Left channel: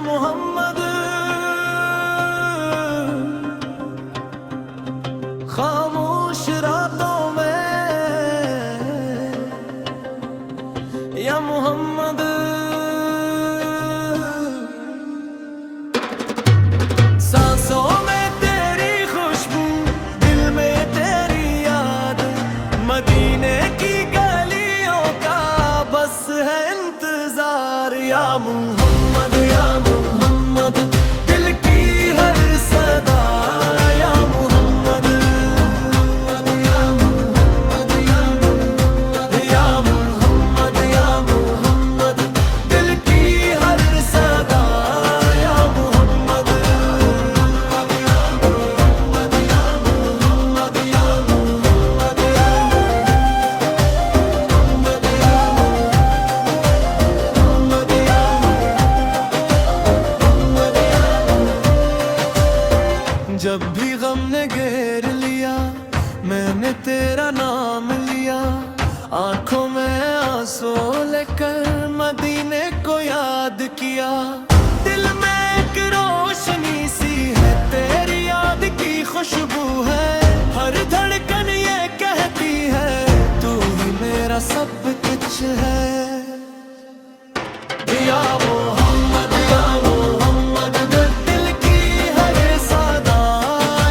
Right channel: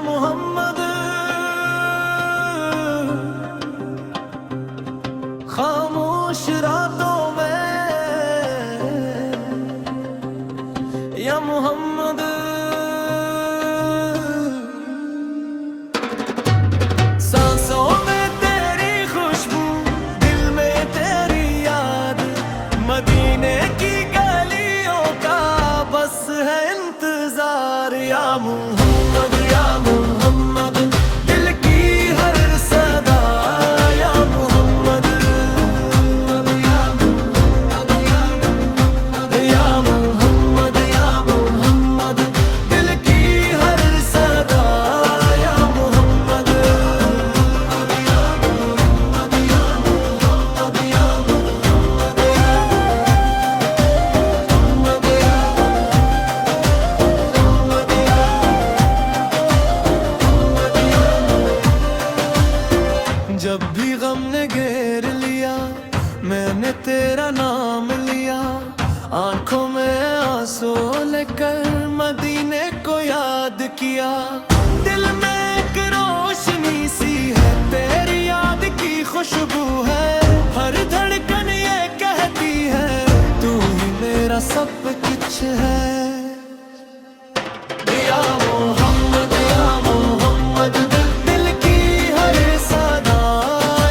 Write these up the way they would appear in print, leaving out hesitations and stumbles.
मोहम्मद खामोश रातों में, या मोहम्मद सांसों में तेरी खुशबू, दिल में तेरी याद, मदीने की गलियों का बस है इंतजार। या मोहम्मद या मोहम्मद दिल की हर सदा, या मोहम्मद या मोहम्मद या मोहम्मद या मोहम्मद दिल की हर सदा, या मोहम्मद या मोहम्मद या मोहम्मद या मोहम्मद जब भी गम ने घेर लिया, मैंने तेरा नाम लिया, आंखों में आंसू लेकर मदीने को याद किया। दिल में एक रोशनी सी है, तेरी याद की खुशबू है, हर धड़कन ये कहती है तू ही मेरा सब कुछ है। या मोहम्मद या मोहम्मद दिल की हर सदा,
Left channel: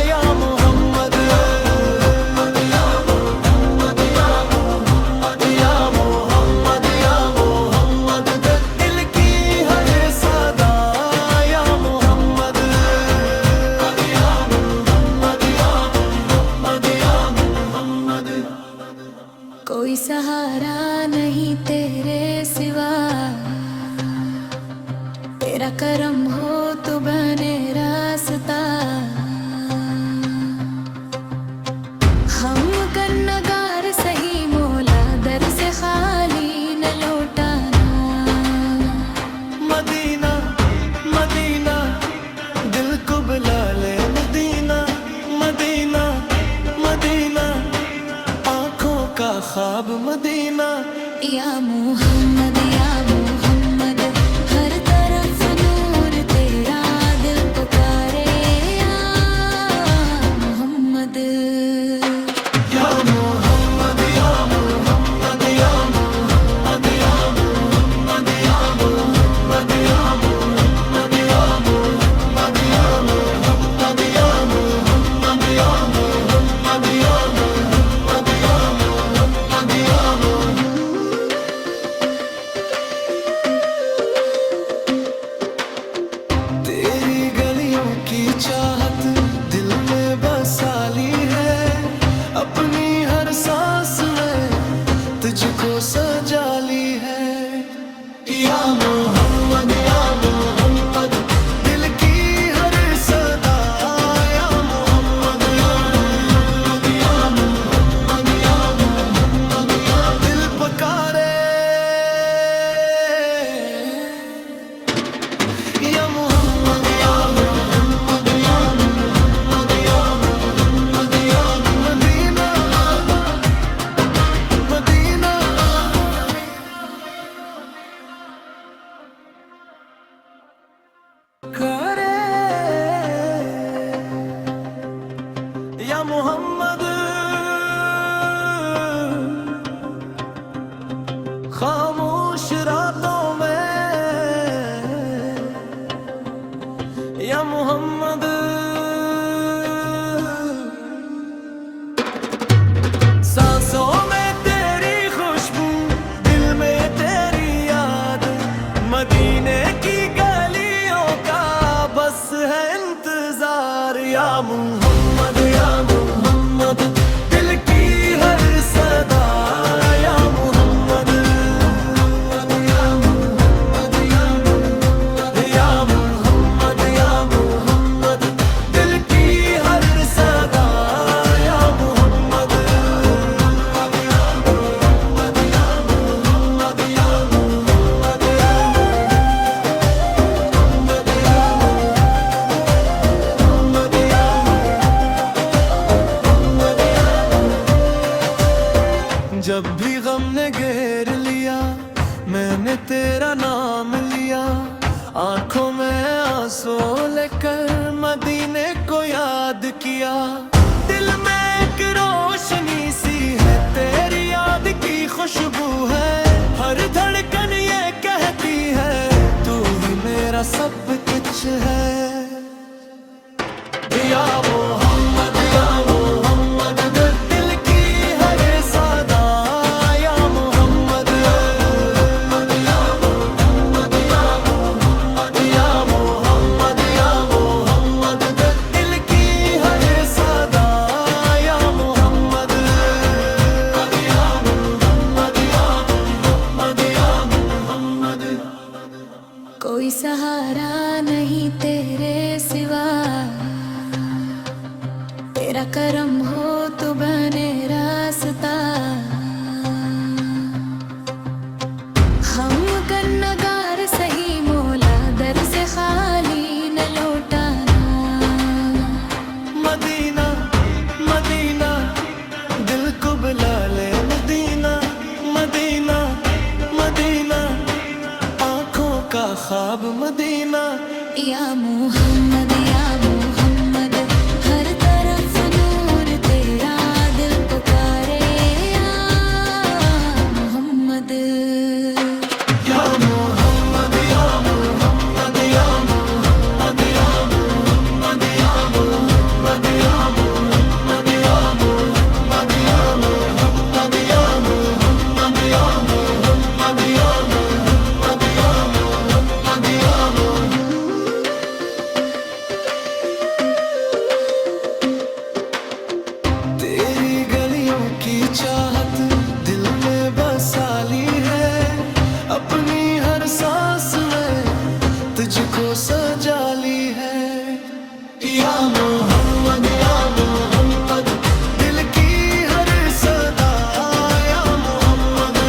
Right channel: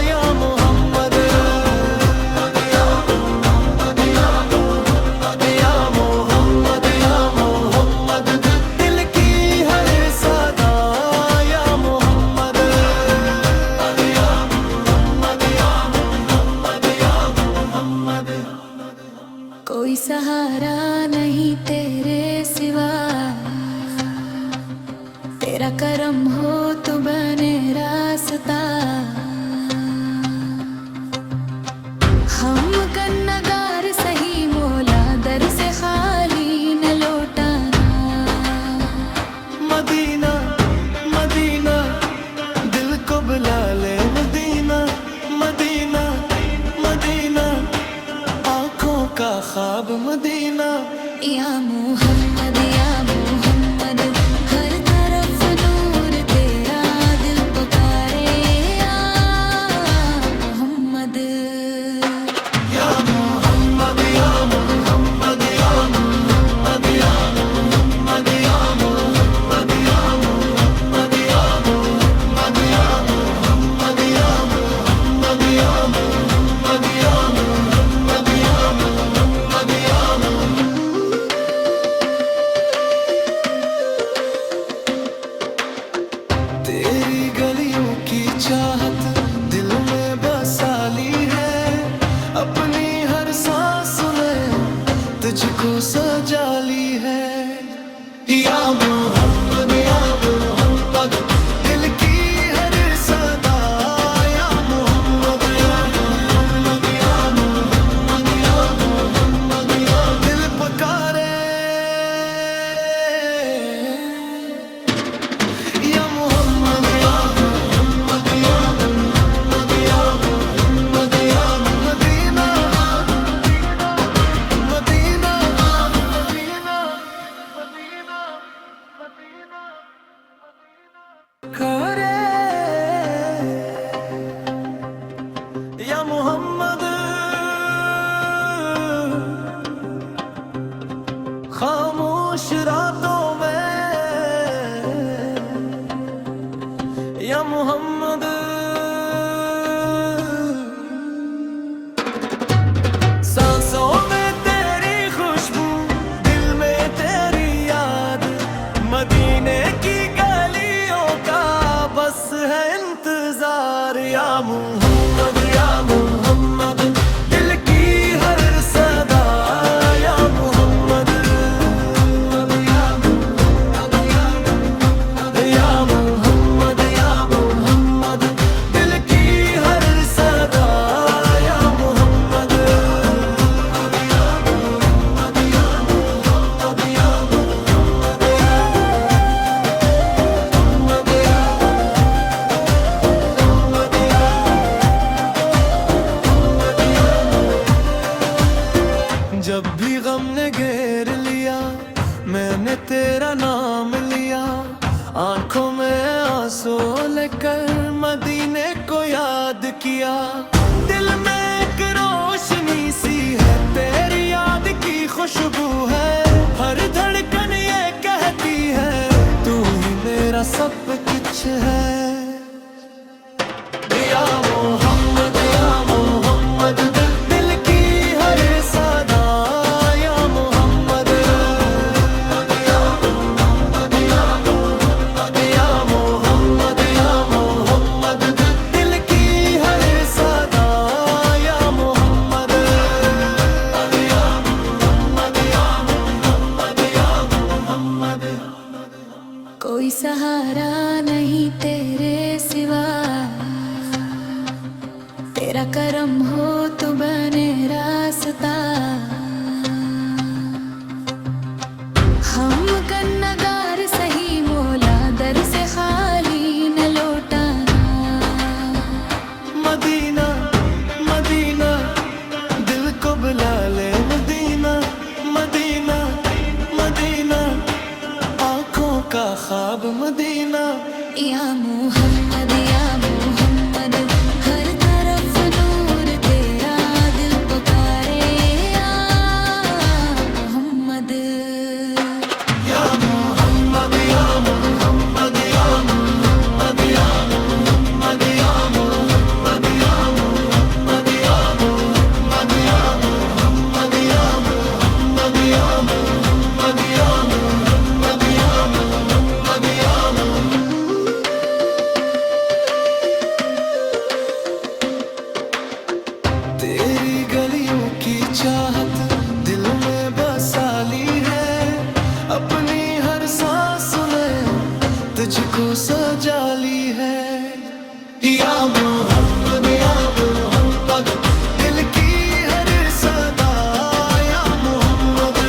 या मोहम्मद या मोहम्मद या मोहम्मद या मोहम्मद या मोहम्मद दिल की हर सदा, या मोहम्मद या मोहम्मद या मोहम्मद या मोहम्मद। कोई सहारा नहीं तेरे सिवा, तेरा करम हो तो बने रास्ता। हम कन्नगार सही मौला, दर से खाली न लौटाना। मदीना मदीना दिल को बुला ले, मदीना मदीना मदीना आँखों का ख्वाब मदीना। या मोहम्मद या मोहम्मद हर तरफ नूर तेरा, दिल पुकारे या मोहम्मद या मोहम्मद या मोहम्मद या मोहम्मद या मोहम्मद या मोहम्मद या मोहम्मद या मोहम्मद या मोहम्मद या मोहम्मद या मोहम्मद या मोहम्मद या मोहम्मद या तेरी गलियों की चाहत दिल में बसाली है, अपनी हर सांस में तुझको सजाली है। या मोहम्मद या मोहम्मद दिल की हर सदा, या मोहम्मद या मोहम्मद या मोहम्मद या दिल पुकारे या मोहम्मद या मोहम्मद या मोहम्मद या मोहम्मद या मदीना मदीना करे या मोहम्मद खामोश रातों में, या मोहम्मद सांसों में तेरी खुशबू, दिल में तेरी याद, मदीने की गलियों का बस है इंतजार। या मोहम्मद या मोहम्मद दिल की हर सदा, या मोहम्मद या मोहम्मद या मोहम्मद या मोहम्मद या मोहम्मद दिल की हर सदा, या मोहम्मद या मोहम्मद या मोहम्मद या मोहम्मद जब भी गम ने घेर लिया, मैंने तेरा नाम लिया, आंखों में आंसू लेकर मदीने को याद किया। दिल में एक रोशनी सी है, तेरी याद की खुशबू है। हर धड़कन ये कहती है तू ही मेरा सब कुछ है। या मोहम्मद या मोहम्मद, दिल की हर सदा या मोहम्मद। या मोहम्मद या मोहम्मद, या मोहम्मद या मोहम्मद, दिल की हर सदा या मोहम्मद। या मोहम्मद या मोहम्मद, या मोहम्मद। कोई सहारा नहीं तेरे सिवा, तेरा करम हो तो बने रास्ता। हम कन्नगार सही मौला, दर से खाली न लौटाना। मदीना मदीना दिल को बुला ले, मदीना मदीना मदीना, आंखों का ख्वाब मदीना। या मोहम्मद या मोहम्मद, हर तरफ नूर तेरा, दिल पुकारे या मोहम्मद। या मोहम्मद या मोहम्मद, या मोहम्मद या मोहम्मद, या मोहम्मद या मोहम्मद, या मोहम्मद या मोहम्मद, या मोहम्मद या मोहम्मद, या मोहम्मद या मोहम्मद, या तेरी गलियों की चाहत दिल में बसा ली है। अपनी हर सांस में तुझको सजा ली है। या मोहम्मद या मोहम्मद, दिल की हर सदा या मोहम्मद।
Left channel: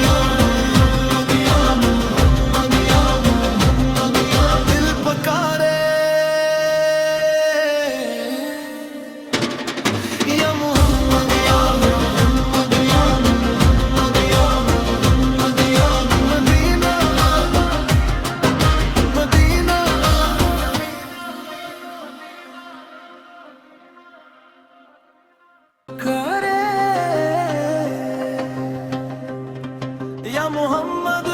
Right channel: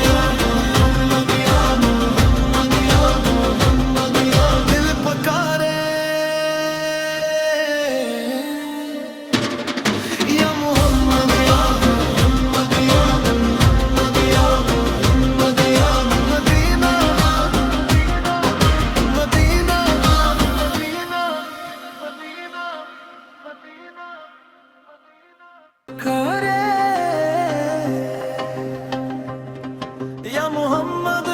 या मोहम्मद या मोहम्मद, या दिल पुकारे या मोहम्मद। या मोहम्मद या मोहम्मद, या मोहम्मद या मदीना मदीना। करे या मोहम्मद,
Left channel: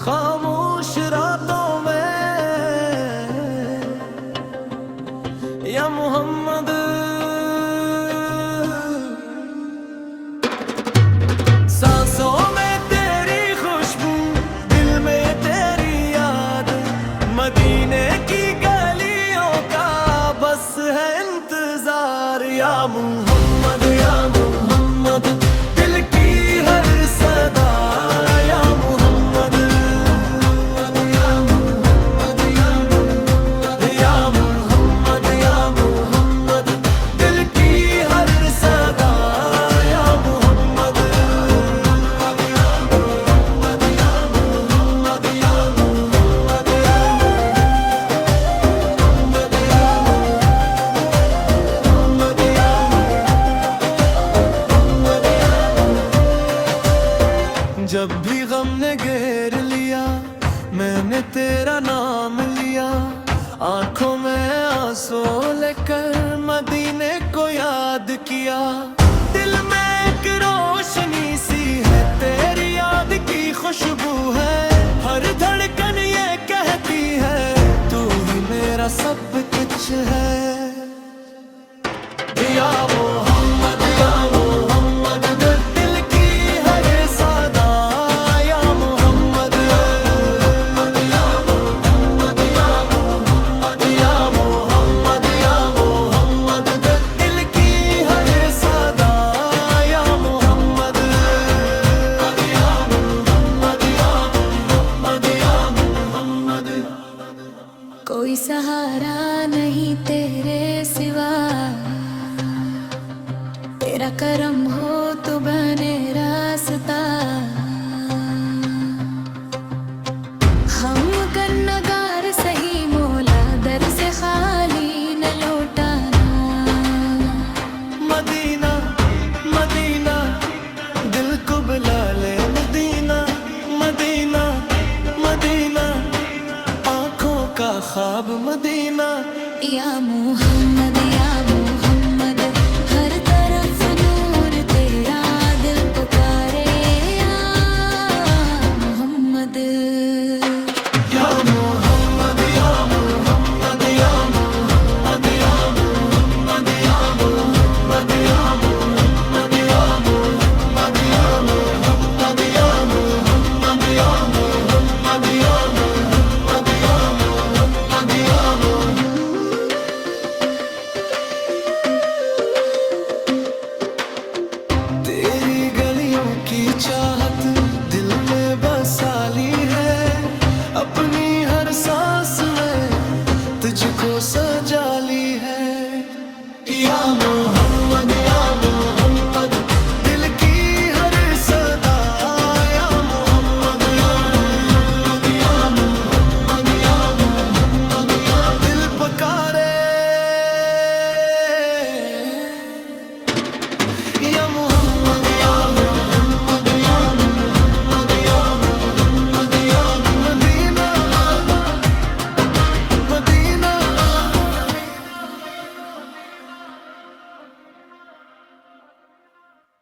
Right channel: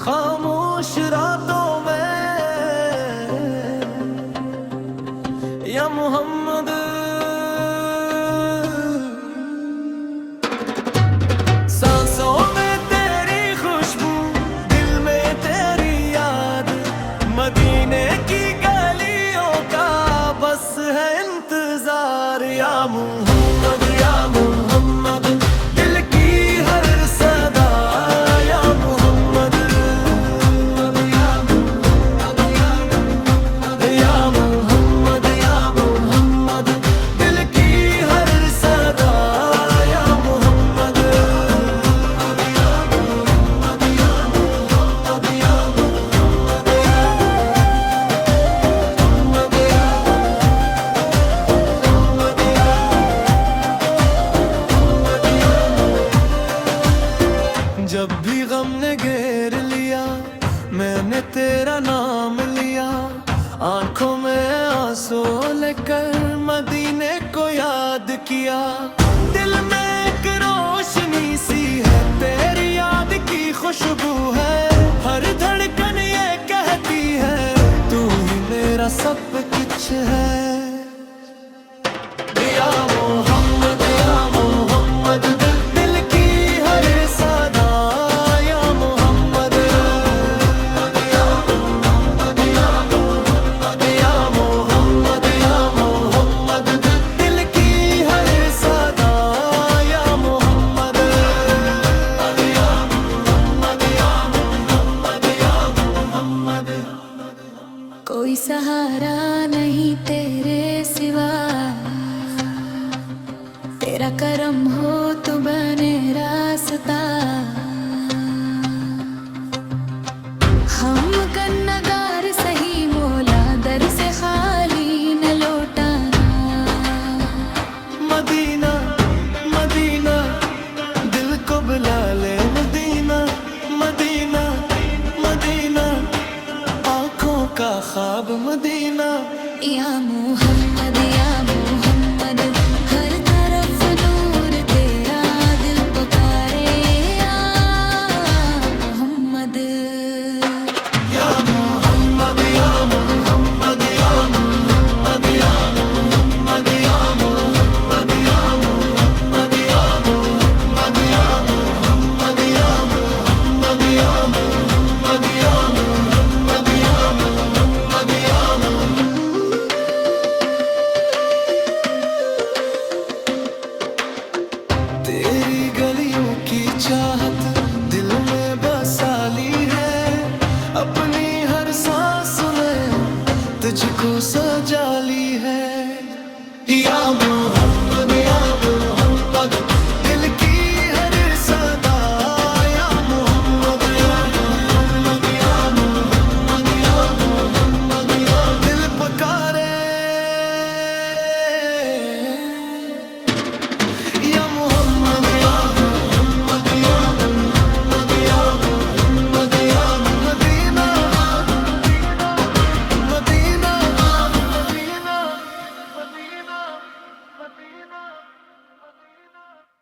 खामोश रातों में या मोहम्मद। सांसों में तेरी खुशबू, दिल में तेरी याद, मदीने की गलियों का बस है इंतजार। या मोहम्मद या मोहम्मद, दिल की हर सदा या मोहम्मद। या मोहम्मद या मोहम्मद, या मोहम्मद या मोहम्मद, दिल की हर सदा या मोहम्मद। या मोहम्मद या मोहम्मद, या मोहम्मद या जब भी गम ने घेर लिया, मैंने तेरा नाम लिया। आंखों में आंसू लेकर मदीने को याद किया। दिल में एक रोशनी सी है, तेरी याद की खुशबू है। हर धड़कन ये कहती है तू ही मेरा सब कुछ है। या मोहम्मद या मोहम्मद, दिल की हर सदा या मोहम्मद। या मोहम्मद या मोहम्मद, या मोहम्मद या मोहम्मद, दिल की हर सदा या मोहम्मद। या मोहम्मद या मोहम्मद, या मोहम्मद। कोई सहारा नहीं तेरे सिवा, तेरा करम हो तो बने रास्ता। हम कन्नगार सही मौला, दर से खाली न लौटाना। मदीना मदीना दिल को बुला ले, मदीना मदीना मदीना, आंखों का ख्वाब मदीना। या मोहम्मद हर तरफ नूर तेरा, दिल पुकारे या मोहम्मद। या मोहम्मद या मोहम्मद या मोहम्मद या मोहम्मद या मोहम्मद या मोहम्मद या मोहम्मद या मोहम्मद या मोहम्मद या मोहम्मद या मोहम्मद या मोहम्मद या तेरी गलियों की चाहत दिल में बसा ली है, अपनी हर सांस में तुझको सजा ली है। या मोहम्मद दिल की हर सदा, या मोहम्मद या मोहम्मद या मोहम्मद या दिल पुकारे या मोहम्मद या मोहम्मद या मोहम्मद या मोहम्मद या मदीना मदीना।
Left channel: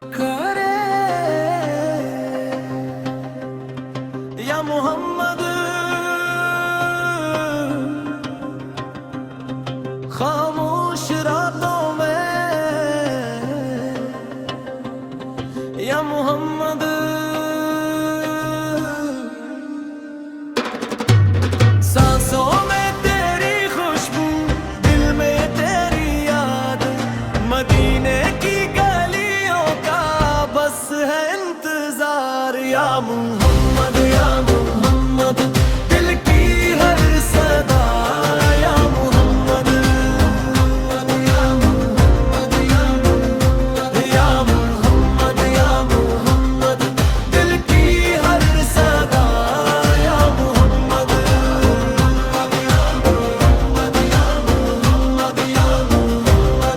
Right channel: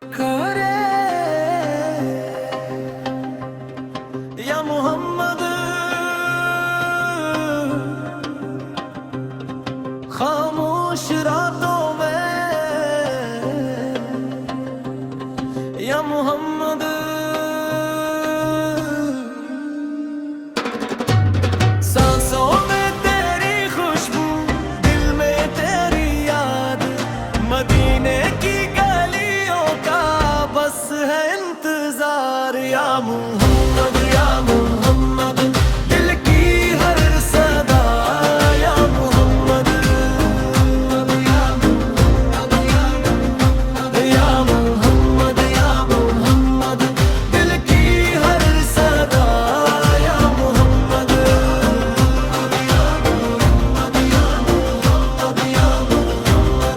करे या मोहम्मद, खामोश रातों में या मोहम्मद। सांसों में तेरी खुशबू, दिल में तेरी याद, मदीने की गलियों का बस है इंतजार। या मोहम्मद दिल की हर सदा, या मोहम्मद या मोहम्मद या मोहम्मद या मोहम्मद दिल की हर सदा, या मोहम्मद या मोहम्मद या मोहम्मद या मोहम्मद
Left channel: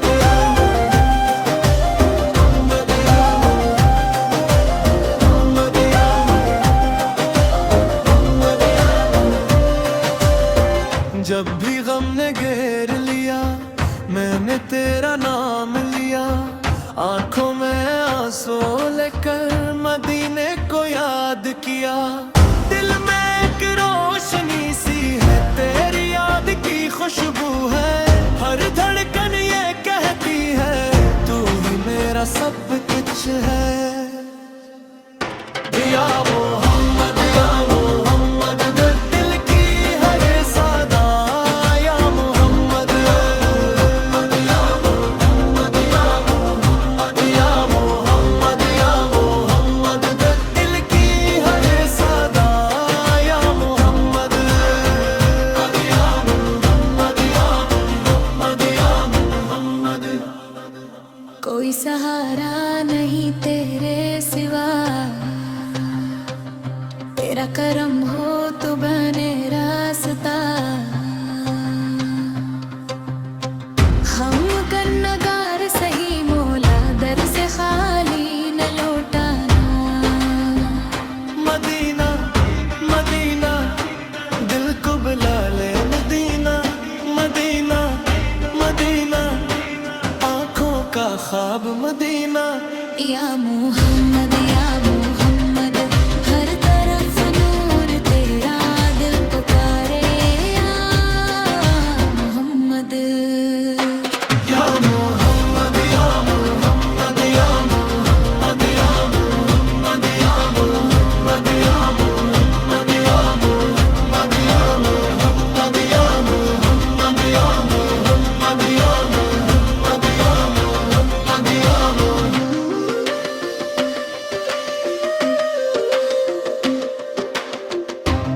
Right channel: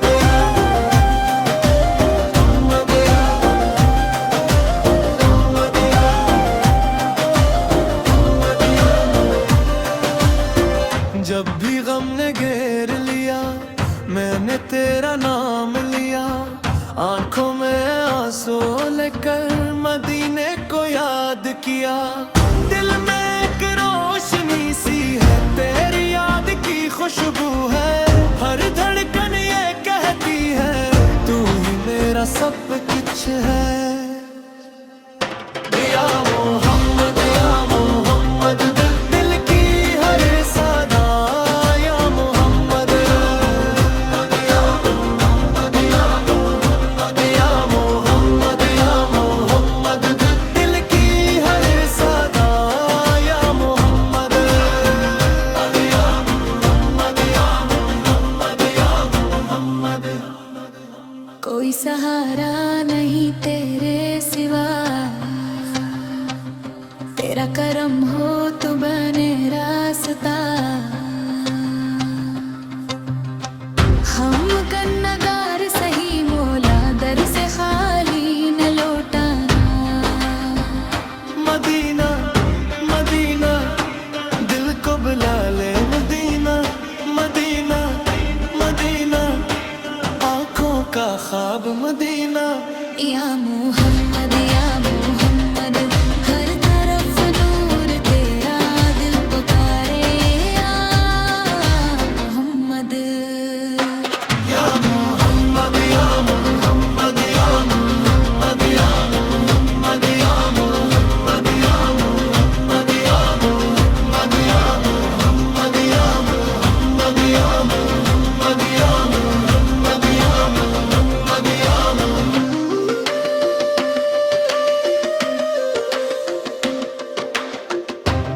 जब भी गम ने घेर लिया, मैंने तेरा नाम लिया, आंखों में आंसू लेकर मदीने को याद किया। दिल में एक रोशनी सी है, तेरी याद की खुशबू है, हर धड़कन ये कहती है तू ही मेरा सब कुछ है। या मोहम्मद दिल की हर सदा, या मोहम्मद या मोहम्मद या मोहम्मद या मोहम्मद या मोहम्मद दिल की हर सदा, या मोहम्मद या मोहम्मद या मोहम्मद या मोहम्मद। कोई सहारा नहीं तेरे सिवा, तेरा करम हो तो बने रास्ता। हम कन्नगार सही मौला, दर से खाली न लौटाना। मदीना मदीना, दिल को बुला ले मदीना मदीना मदीना, आंखों का ख्वाब मदीना। या मोहम्मद हर तरफ नूर तेरा, दिल पुकारे या मोहम्मद। या मोहम्मद या मोहम्मद या मोहम्मद या मोहम्मद या मोहम्मद या मोहम्मद या मोहम्मद या मोहम्मद या मोहम्मद या मोहम्मद या मोहम्मद या मोहम्मद या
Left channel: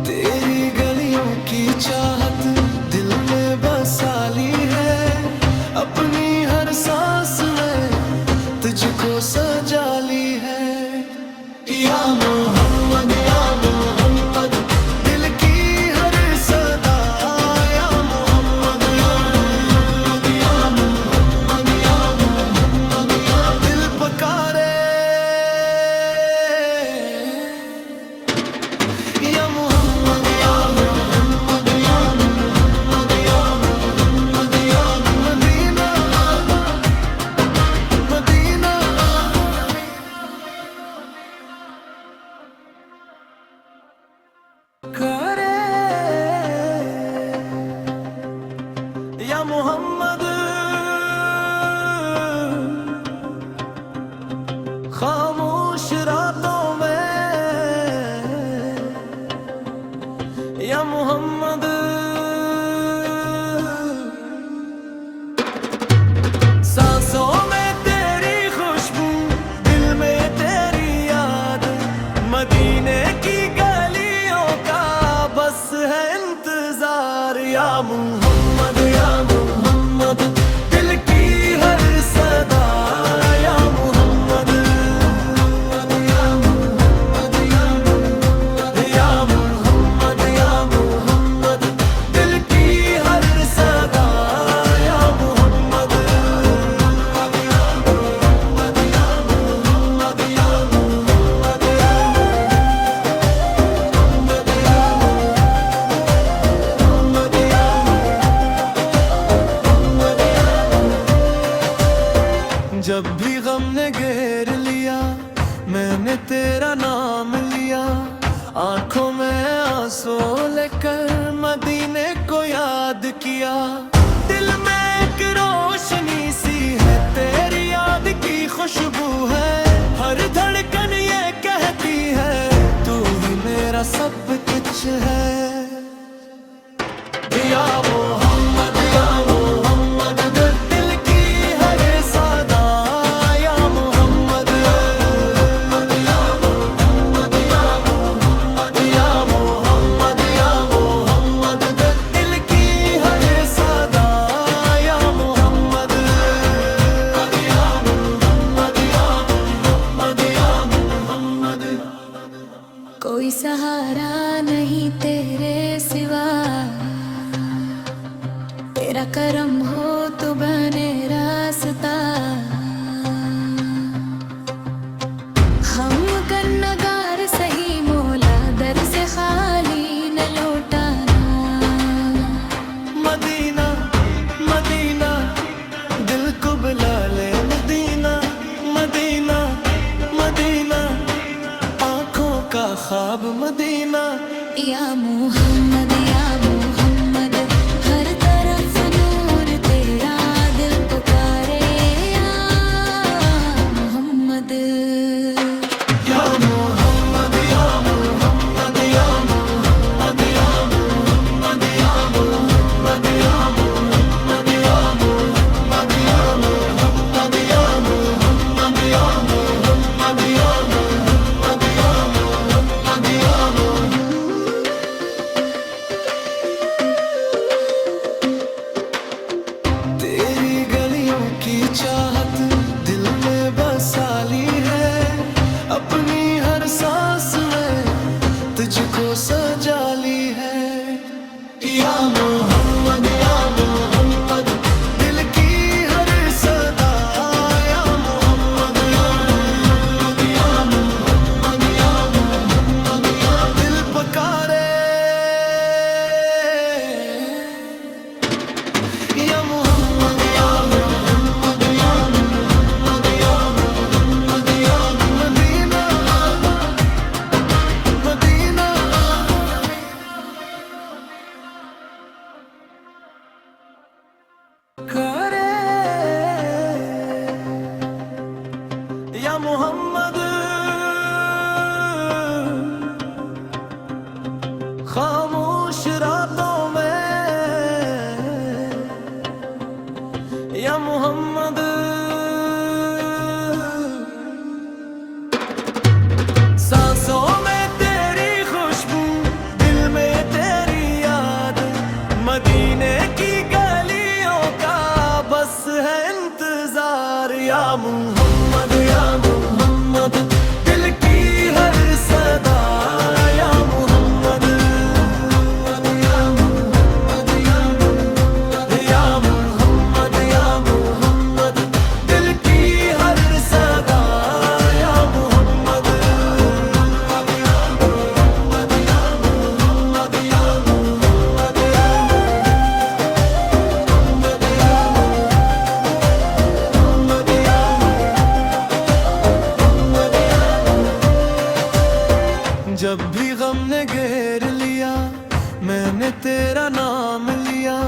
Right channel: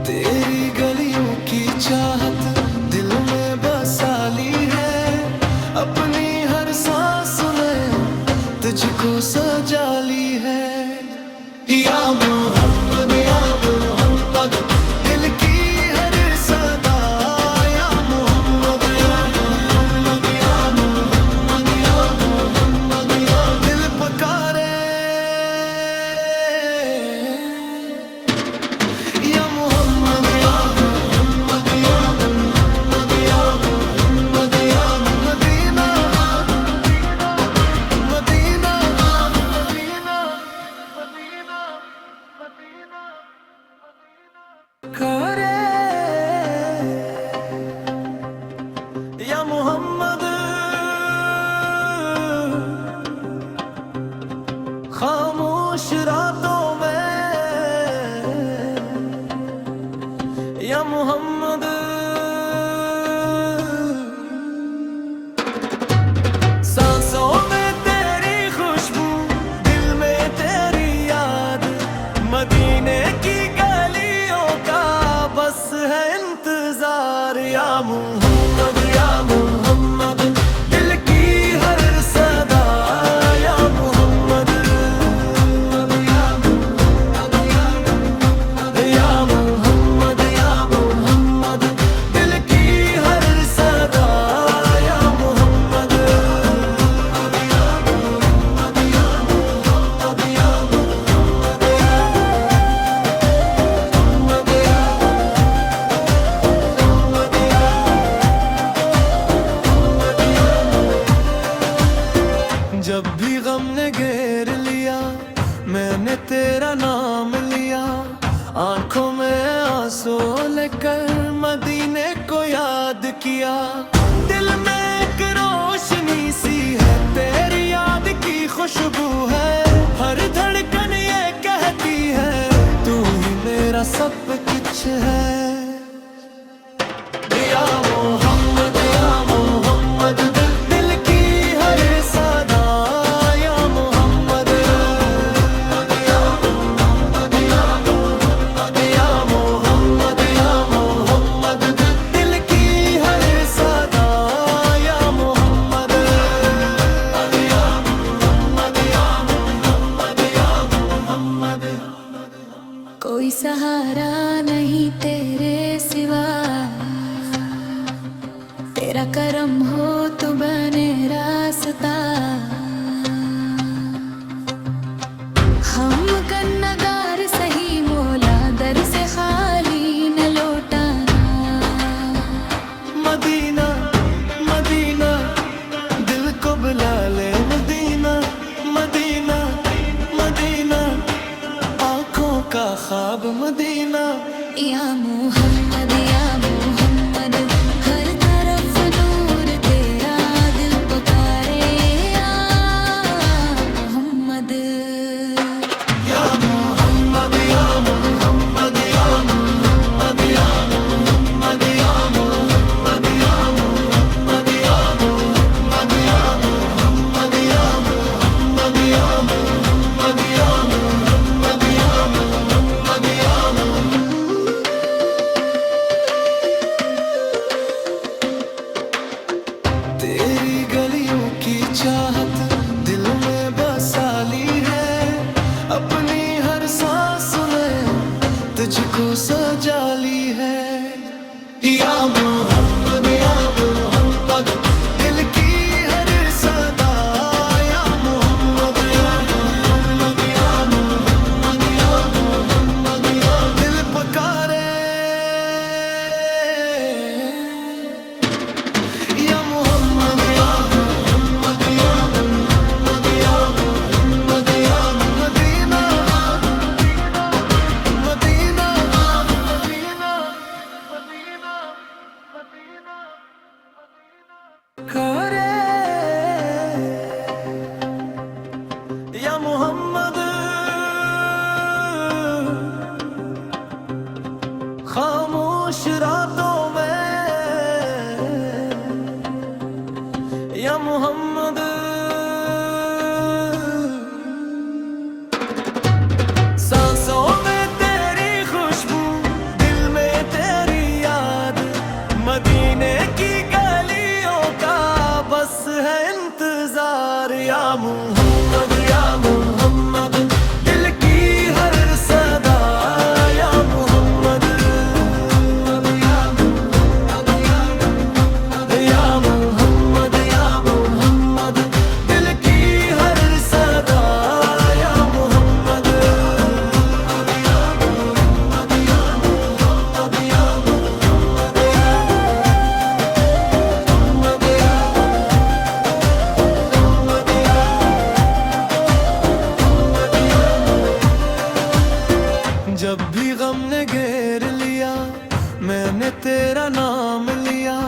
तेरी गलियों की चाहत दिल में बसा ली है, अपनी हर सांस में तुझको सजा ली है। या मोहम्मद दिल की हर सदा, या मोहम्मद या मोहम्मद या मोहम्मद या दिल पुकारे खामोश रातों में या मोहम्मद, सांसों में तेरी खुशबू, दिल में तेरी याद, मदीने की गलियों का बस है इंतजार। या मोहम्मद या मोहम्मद, दिल की हर सदा, या मोहम्मद या मोहम्मद, या मोहम्मद, या मोहम्मद, दिल की हर सदा, या मोहम्मद या मोहम्मद, या मोहम्मद, या मोहम्मद, जब भी गम ने घेर लिया मैंने तेरा नाम लिया, आंखों में आंसू लेकर मदीने को याद किया। दिल में एक रोशनी सी है, तेरी याद की खुशबू है, हर धड़कन ये कहती है तू ही मेरा सब कुछ है। या मोहम्मद या मोहम्मद, दिल की हर सदा, या मोहम्मद या मोहम्मद, या मोहम्मद, या मोहम्मद, या मोहम्मद, दिल की हर सदा, या मोहम्मद या मोहम्मद, या मोहम्मद, या मोहम्मद। कोई सहारा नहीं तेरे सिवा, तेरा करम हो तो बने रास्ता। हम कन्नगार सही मौला, दर से खाली न लौटाना। मदीना मदीना दिल को बुला ले, मदीना मदीना मदीना, आंखों का ख्वाब मदीना। या मोहम्मद या मोहम्मद, हर तरफ नूर तेरा, दिल पुकारे या मोहम्मद। या मोहम्मद या मोहम्मद, या मोहम्मद, या मोहम्मद, या मोहम्मद, या मोहम्मद, या मोहम्मद, या मोहम्मद, या मोहम्मद, या मोहम्मद, या मोहम्मद, या मोहम्मद, या तेरी गलियों की चाहत दिल में बसा ली है, अपनी हर सांस में तुझको सजा ली है। या मोहम्मद या मोहम्मद, दिल की हर सदा, या मोहम्मद या मोहम्मद, या मोहम्मद, या मोहम्मद, या दिल पुकारे या मोहम्मद या मोहम्मद, या मोहम्मद, या मोहम्मद, या मदीना मदीना। करे या मोहम्मद, खामोश रातों में या मोहम्मद, सांसों में तेरी खुशबू, दिल में तेरी याद, मदीने की गलियों का बस है इंतजार। या मोहम्मद या मोहम्मद, दिल की हर सदा, या मोहम्मद या मोहम्मद, या मोहम्मद, या मोहम्मद, या मोहम्मद, दिल की हर सदा, या मोहम्मद या मोहम्मद, या मोहम्मद, या मोहम्मद, जब भी गम ने घेर लिया मैंने तेरा नाम लिया,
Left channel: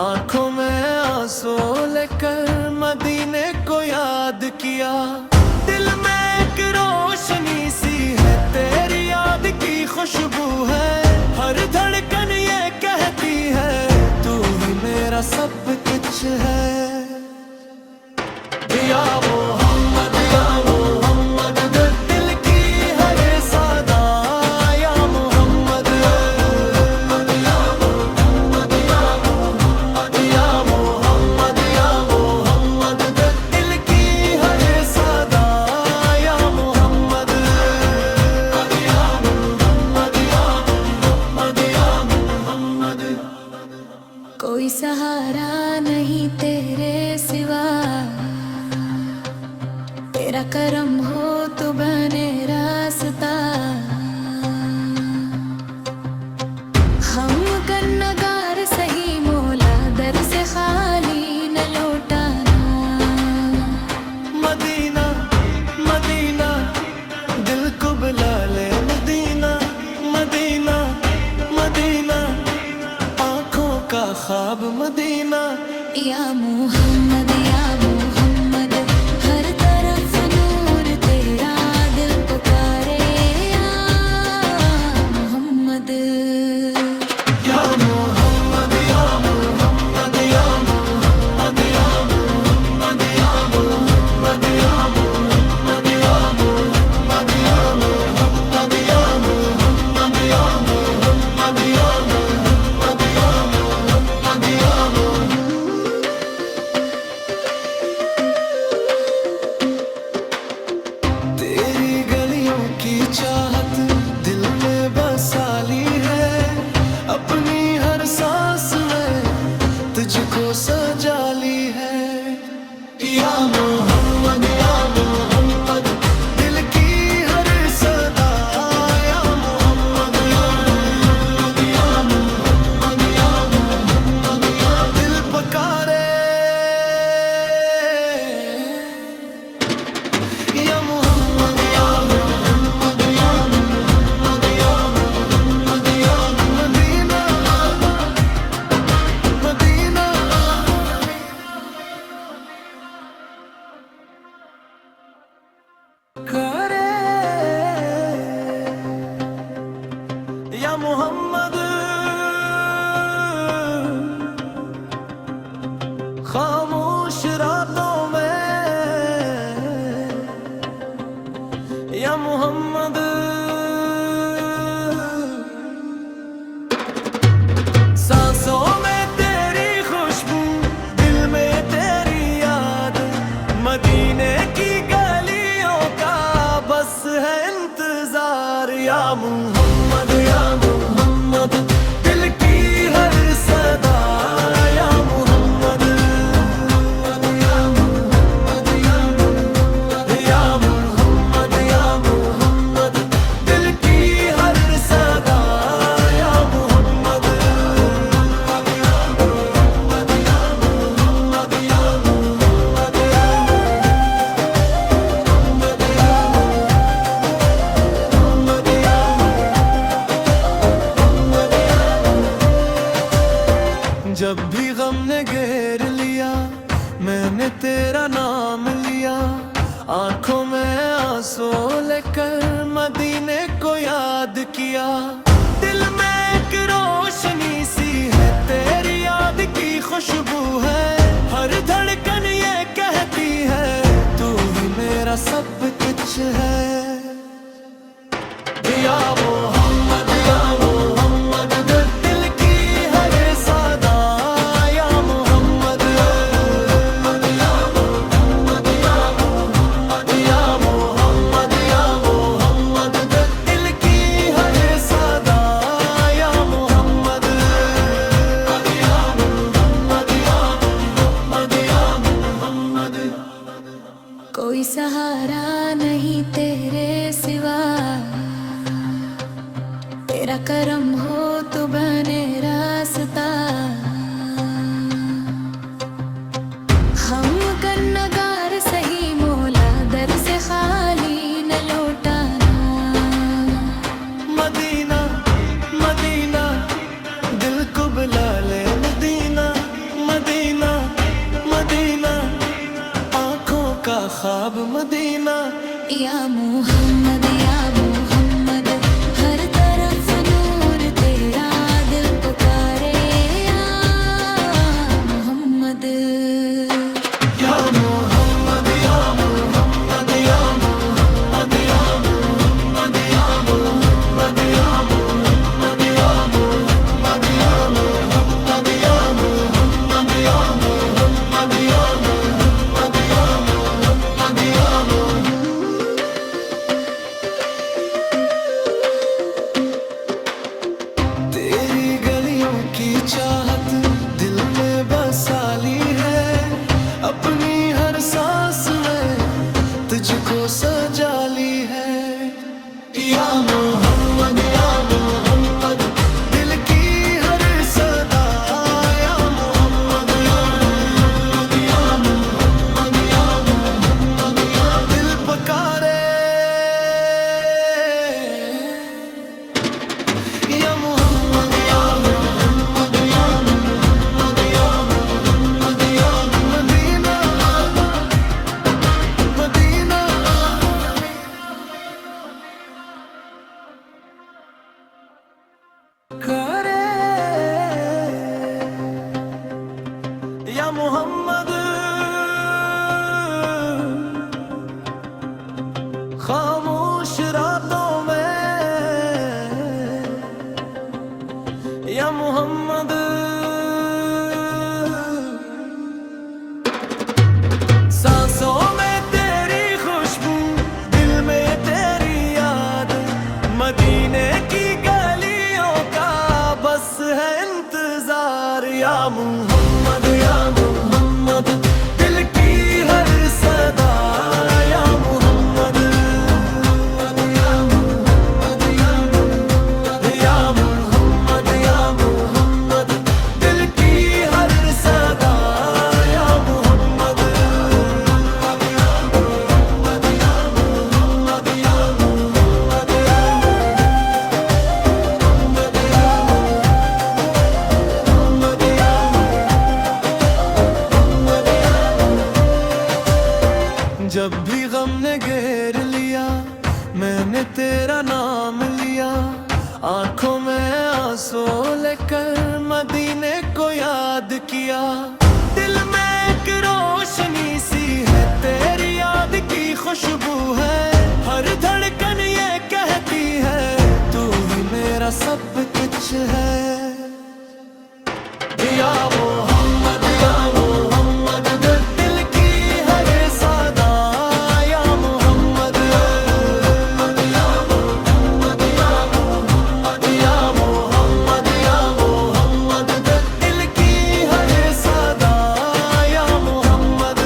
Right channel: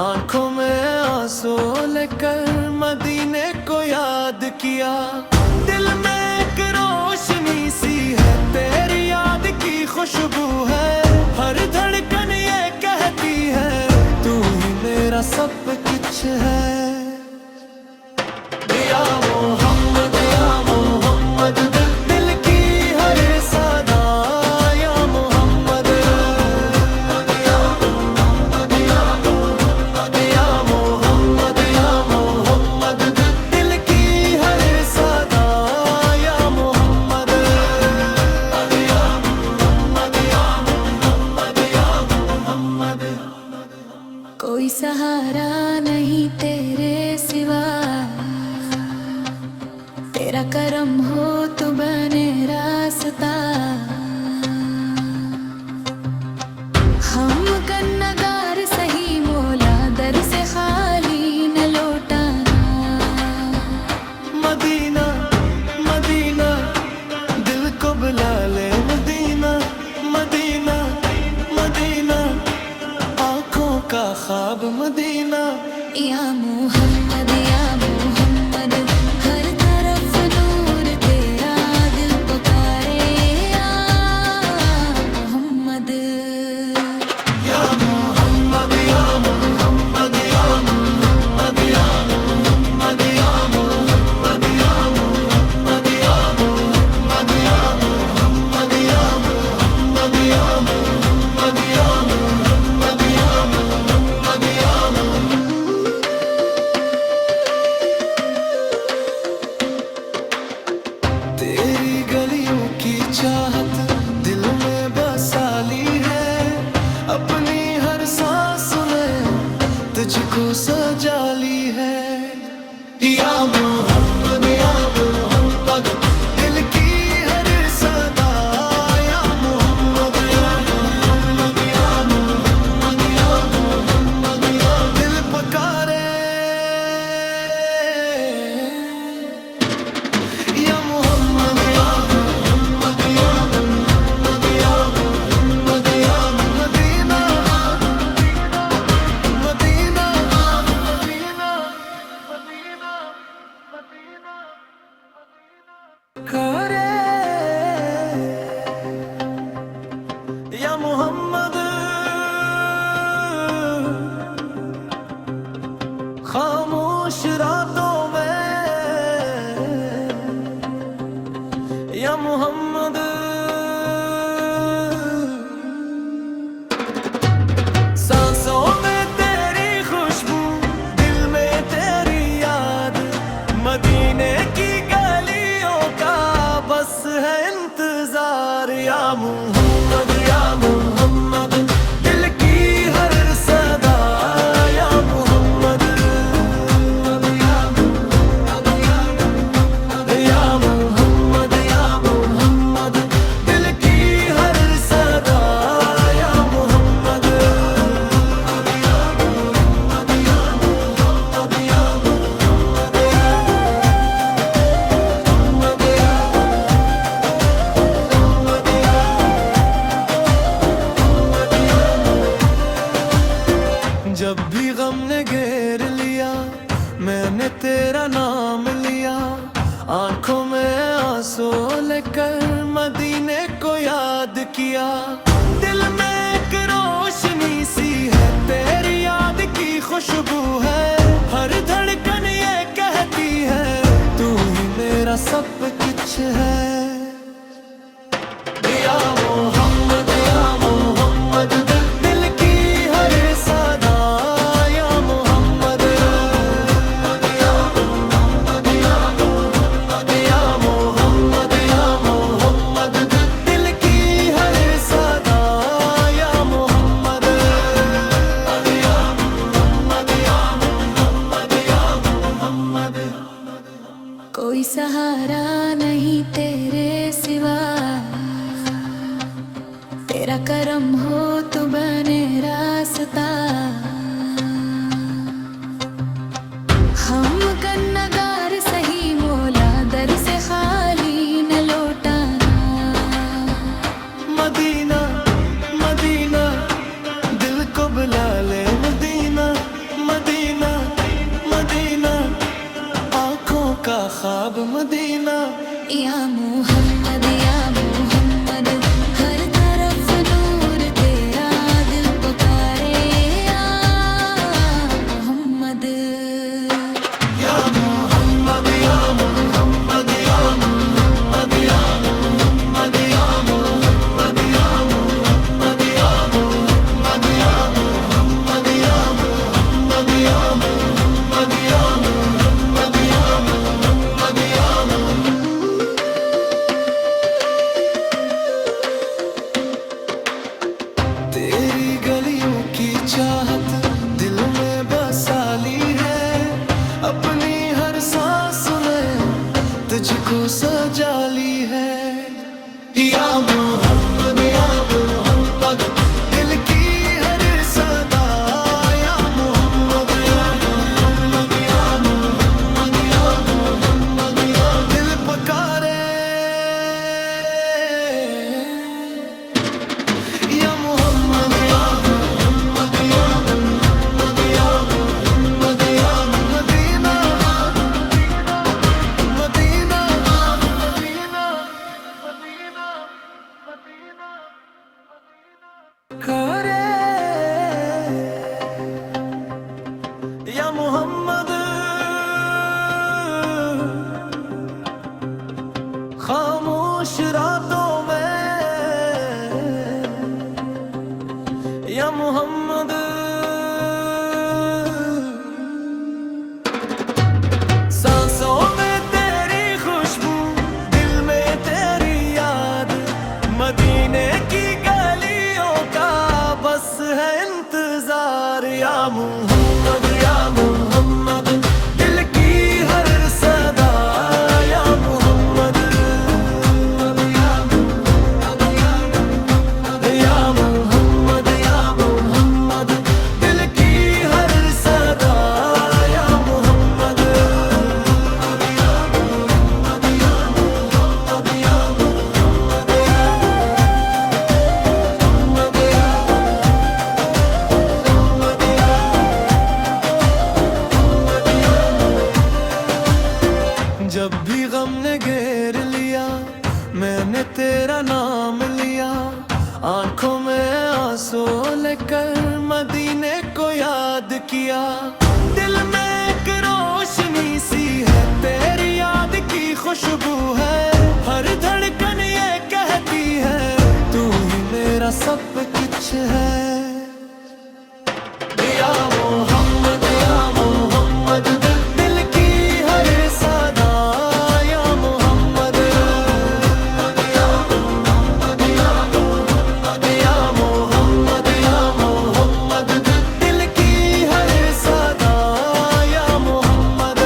आंखों में आंसू लेकर मदीने को याद किया। दिल में मेरा सब कुछ है। या मोहम्मद या मोहम्मद, दिल की हर सदा या मोहम्मद। या मोहम्मद या मोहम्मद, या मोहम्मद या मोहम्मद, दिल की हर सदा या मोहम्मद। या मोहम्मद या मोहम्मद, या मोहम्मद। कोई सहारा नहीं तेरे सिवा, तेरा करम हो तो बने रास्ता। हम कन्नगार सही मौला, दर से खाली न लौटाना। मदीना मदीना दिल को बुला ले, मदीना मदीना मदीना आँखों का ख्वाब मदीना। या मोहम्मद या मोहम्मद, हर तरफ नूर तेरा दिल पुकारे। या मोहम्मद या मोहम्मद या मोहम्मद, या मोहम्मद या मोहम्मद, या मोहम्मद या मोहम्मद, या मोहम्मद या मोहम्मद, या मोहम्मद या मोहम्मद, या मोहम्मद या मोहम्मद, या तेरी गलियों की चाहत दिल में बसाली है, अपनी हर सांस में तुझको सजाली है। या मोहम्मद या मोहम्मद, दिल की हर सदा या मोहम्मद। या मोहम्मद या मोहम्मद, या मोहम्मद, या दिल पुकारे। या मोहम्मद या मोहम्मद, या मोहम्मद, या मोहम्मद, या मदीना मदीना। करे या मोहम्मद, खामोश रातों में या मोहम्मद। सांसों में तेरी खुशबू, दिल में तेरी याद, मदीने की गलियों का बस है इंतजार। या मोहम्मद या मोहम्मद, दिल की हर सदा या मोहम्मद। या मोहम्मद या मोहम्मद, या मोहम्मद या मोहम्मद, दिल की हर सदा या मोहम्मद। या मोहम्मद या मोहम्मद, या मोहम्मद या जब भी गम ने घेर लिया, मैंने तेरा नाम लिया, आंखों में आंसू लेकर मदीने को याद किया। दिल में एक रोशनी सी है, तेरी याद की खुशबू है, हर धड़कन ये कहती है तू ही मेरा सब कुछ है। या मोहम्मद या मोहम्मद, दिल की हर सदा या मोहम्मद। या मोहम्मद या मोहम्मद, या मोहम्मद या मोहम्मद, दिल की हर सदा या मोहम्मद। या मोहम्मद या मोहम्मद, या मोहम्मद। कोई सहारा नहीं तेरे सिवा, तेरा करम हो तो बने रास्ता। हम कन्नगार सही मौला, दर से खाली न लौटाना। मदीना मदीना दिल को बुला ले, मदीना मदीना मदीना आँखों का ख्वाब मदीना। या मोहम्मद या मोहम्मद, हर तरफ नूर तेरा दिल पुकारे। या चाहत दिल में बसा ली है, अपनी हर सांस में तुझको सजा ली है। या मोहम्मद या मोहम्मद, दिल की हर सदा या मोहम्मद या मोहम्मद या मोहम्मद या मोहम्मद या दिल पुकारे या मोहम्मद या मोहम्मद या मोहम्मद या मोहम्मद या मदीना मदीना करे या मोहम्मद, खामोश रातों में या मोहम्मद, सांसों में तेरी खुशबू, दिल में तेरी याद, मदीने की गलियों का बस है इंतजार। या मोहम्मद या मोहम्मद, दिल की हर सदा या मोहम्मद या मोहम्मद या मोहम्मद या मोहम्मद या मोहम्मद, दिल की हर सदा या मोहम्मद या मोहम्मद या मोहम्मद या मोहम्मद जब भी गम ने घेर लिया, मैंने तेरा नाम लिया, आंखों में आंसू लेकर मदीने को याद किया। दिल में एक रोशनी सी है, तेरी याद की खुशबू है, हर धड़कन ये कहती है तू ही मेरा सब कुछ है। या मोहम्मद या मोहम्मद, दिल की हर सदा या मोहम्मद या मोहम्मद या मोहम्मद या मोहम्मद या मोहम्मद, दिल की हर सदा या मोहम्मद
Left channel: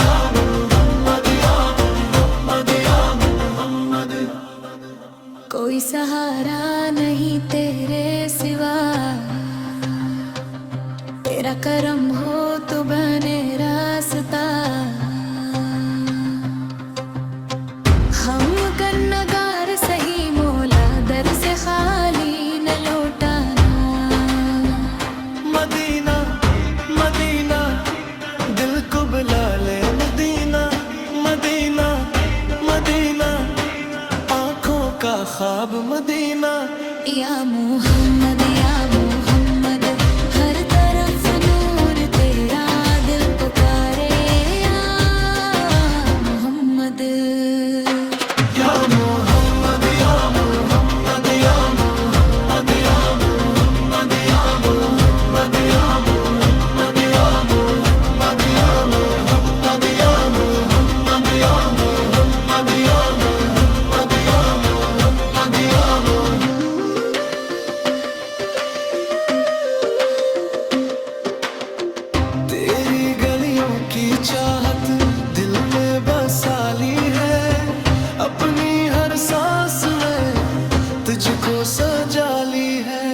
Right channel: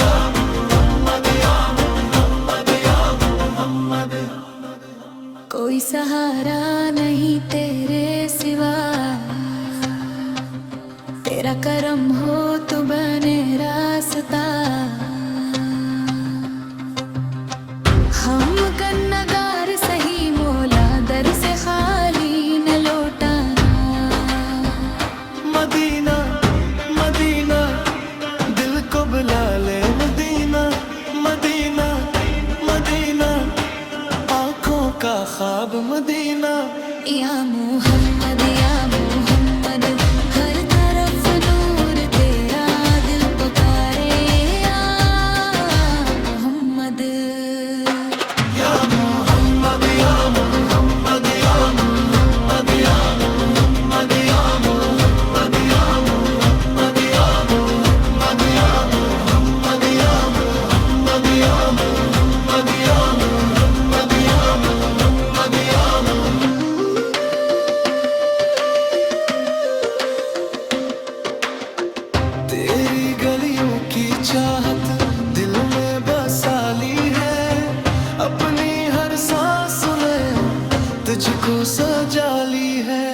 या मोहम्मद या मोहम्मद या मोहम्मद। कोई सहारा नहीं तेरे सिवा, तेरा करम हो तो बने रास्ता। हम कन्नगार सही मौला, दर से खाली न लौटाना। मदीना मदीना, दिल को बुला ले मदीना मदीना मदीना, आंखों का ख्वाब मदीना। या मोहम्मद या मोहम्मद, हर तरफ नूर तेरा, दिल पुकारे या मोहम्मद या मोहम्मद या मोहम्मद या मोहम्मद या मोहम्मद या मोहम्मद या मोहम्मद या मोहम्मद या मोहम्मद या मोहम्मद या मोहम्मद या मोहम्मद या मोहम्मद या तेरी गलियों की चाहत दिल में बसा ली है, अपनी हर सांस में तुझको सजा ली है।